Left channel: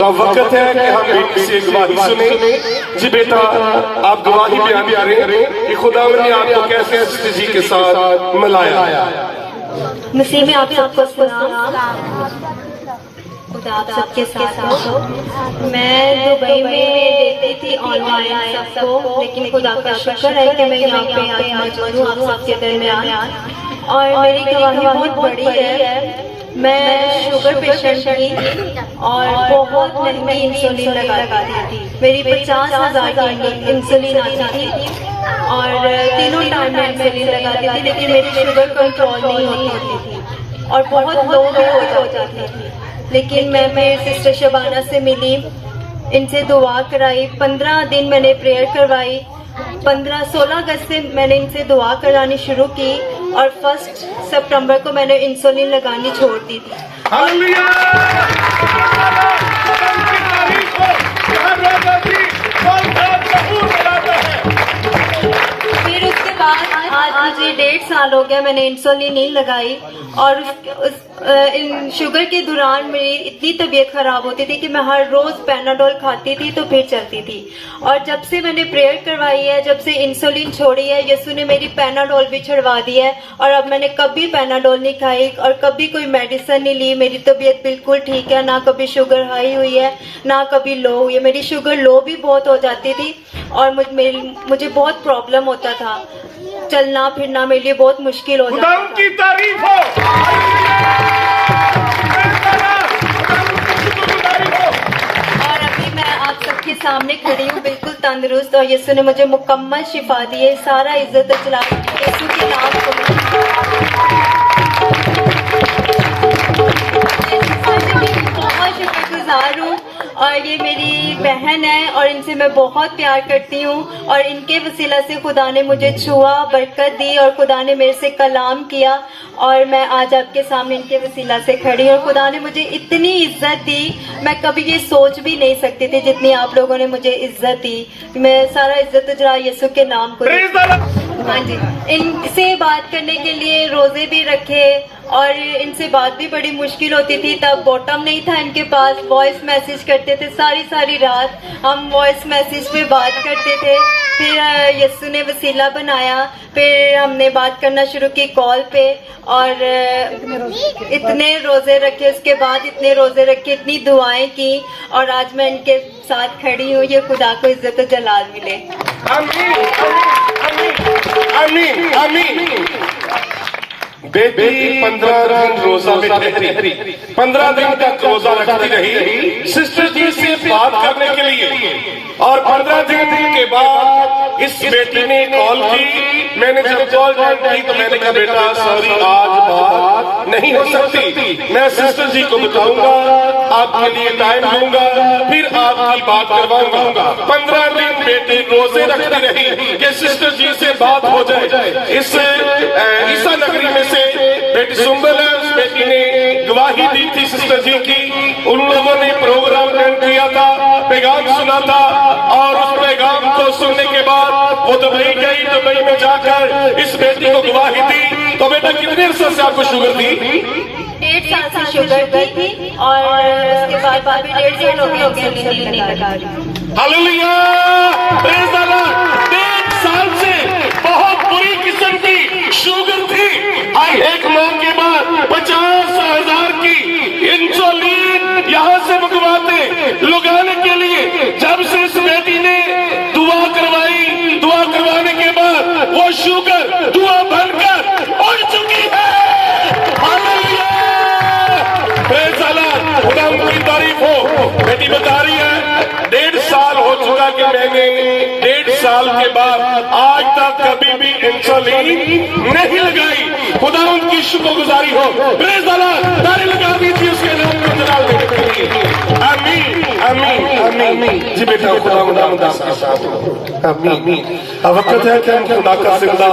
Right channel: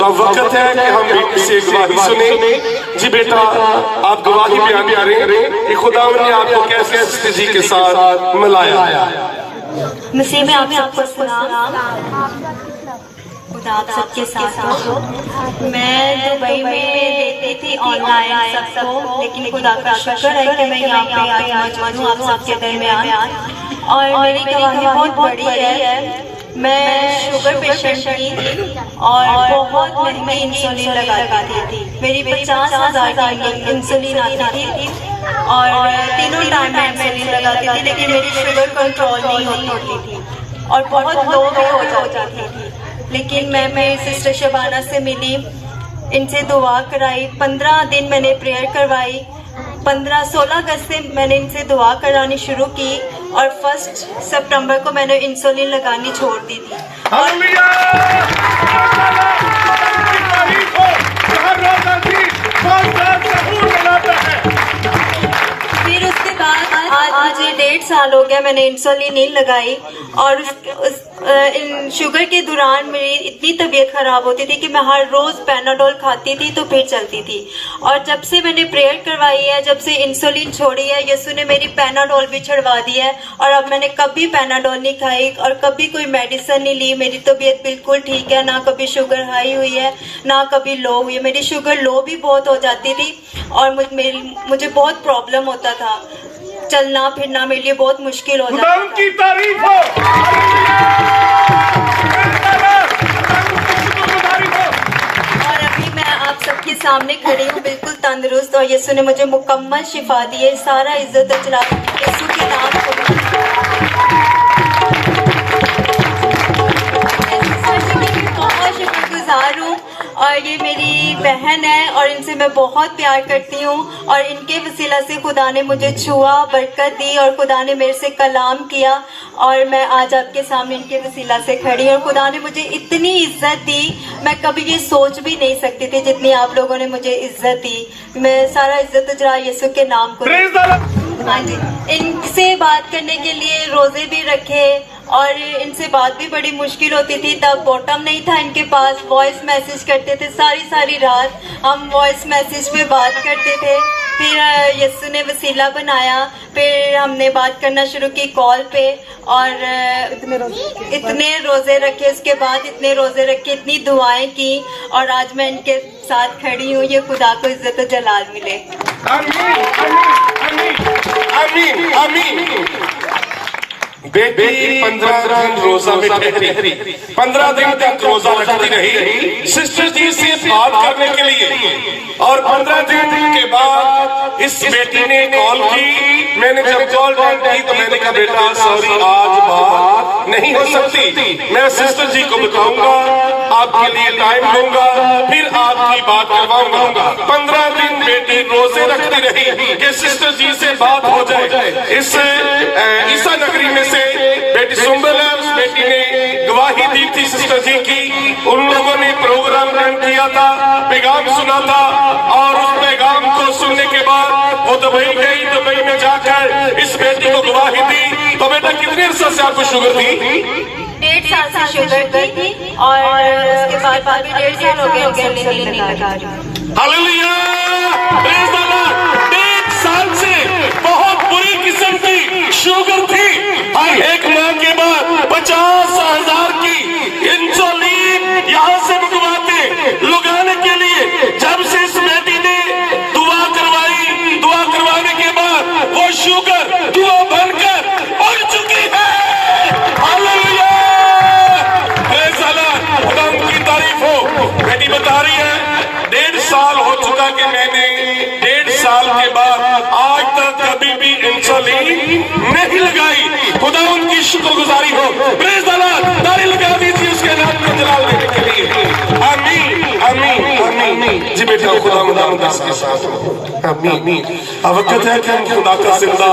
तो अब वक्त है कि हम बीबी से गवाही सुने। जी बेटा, आप गवाही बयान करें कि खुदा ने आपको कैसे सिस्टर जी के साथ मिलाया। मसीह में आप सबको सलाम। खुदा आप सबके साथ हो। मैं दुबई में देती थी ऑनलाइन सबको, लेकिन खुदा का शुक्र है कि मैं यहाँ पे आज मौजूद हूँ आप सबके दरमियान। और मेरी गवाही बहुत बड़ी है। मैं शुगर पेशेंट थी और बहुत महंगी इंसुलिन लगाती थी। मेरी 50,000 की इंसुलिन आती थी और तीनों टाइम में इंसुलिन लगाती थी, लेकिन मेरी शुगर कंट्रोल नहीं होती थी और बहुत लो भी हो जाती थी। लेकिन मैं मेरी सिस्टर शबाना से मिली, इनसे दुआ कराई। 15 दिन मैंने प्रेयर करवाई। 16 अगस्त से मैंने इनसे दुआ करानी शुरू की और 1 सितंबर को मैंने इंसुलिन लगानी छोड़ दी थी। फिर उसके बाद आज मुझे 1.5 साल हो गया मैंने इंसुलिन नहीं लगाई। और शुगर के दौरान मेरी इतनी तबीयत खराब होती थी कि मैं हर रोज पैनाडोल खाती थी तो फिर चलती थी। और जब से मैंने प्रेयर करवाई है, जब से इंसुलिन छोड़ी है, यीशु ने मेरी पैनाडोल भी छुड़वा दी है और अब मैंने कभी पैनाडोल नहीं खाई और कभी कोई मेडिसिन नहीं ली। मेरी तबीयत बिल्कुल ठीक है, ना कभी शुगर हाई हुई है ना कभी लो हुई है। मेरी शुगर लो भी बहुत हो जाती थी और मुझे बहुत प्रॉब्लम होता था, चलना फिरना मेरे लिए बहुत मुश्किल हो जाता था। उनकी तारीफ हो। और अभी मैं आप सबके सामने खड़ी हूँ बिल्कुल तंदुरुस्त और यीशु ने मुझे मुकम्मल शिफा दी है। सारा इज्जत और जलाल यीशु के नाम को। बहुत शुक्रगुजार हूँ और ये मेरी बहन है और इनसे मैं बहुत प्यार करती हूँ और इनके वसीला से खुदा ने मुझे छुआ, बरकत दी और खुदा ने मेरे से कलाम किया और मैं आज आपके सामने इनके वसीला से खड़ी हूँ। और खुदा ने मुझे इतनी इज्जत दी, मैं कभी ये सोच भी नहीं सकती थी जितनी आप लोगों ने मुझे इज्जत दी। मैं सारा इज्जत जरा यीशु के नाम को। हाँ जी, इनसे बात करने के लिए रोजे भी रखे और इनसे बात भी बड़ी मुश्किल होती थी। तब बॉटम नहीं था इनके पास, वॉइस मैसेज करते थे सारी रात हम वॉइस मैसेज पे बात करते थे। फिर यीशु ने वसीला बनाया, फिर हमने बात करना शुरू की कॉल पे और इतने रोजे रखे। उसके बाद इतने रोजे रखे, इतनी दुआएं की और आज मैं इनके साथ खड़ी हूँ। ये खुदा को इज्जत और जलाल मिले। आमीन, आमीन, आमीन। बेटी 15 दिन रोजा में ठहरी, 15 दिन तक रोजा रखती रही सिस्टर जी से बात करने के लिए। और 15 दिन के बाद इस बेटी ने कॉल की। मैंने जब कॉल की तो मैंने कहा बेटा सॉरी, आज बात नहीं हो सकती। मैं सिस्टर जी को बताऊंगा, आपके लिए टाइम लूंगा, फिर आपकी बात करवाऊंगा। 15 दिन बेटी रोजे रखती रही कि सिस्टर जी से बात हो जाए। इस ईसा नगरी में से बेटी सुंबल है, उस बेटी ने गवाही दी थी सिस्टर जी की। उन लोगों ने प्रोग्राम रन किया था, पैगाम सुना था और उस पैगाम को सुनने के बाद वो दुबई गई। दुबई में जाकर इस बेटी को गवाही दी। तो बेटा कितने अरसे से आपको शुगर थी? 1.5 साल से शुगर थी और उसके बाद 1.5 साल हो गए इंसुलिन नहीं लगा रही। Hallelujah, praise the Lord. 1 साल से बहुत बुरी किस्म की शुगर थी। एक माह के बाद 50,000 की इंसुलिन यहाँ से मंगवाते लगाने के लिए। जब से इस बेटी ने दुआ करवाई, दुआ करवाने के बाद वो शुगर दुआ बनकर उड़ चुकी है। Hallelujah, praise the Lord. खुदा उनकी तारीफ हो। बेटी बता रही है 1.5 साल हो चुका कि मैंने 1.5 साल के बाद आज तक कभी भी इंसुलिन नहीं लगाई। खुदा उनकी शुक्रगुजारी हो। Praise the Lord. ताली लगा दीजिए उसके नाम को जलाल देने के लिए। आमीन, आमीन, आमीन। जी बेटा खुदा के साथ हो। आमीन। अब वक्त है कि हम खुदा का जिंदा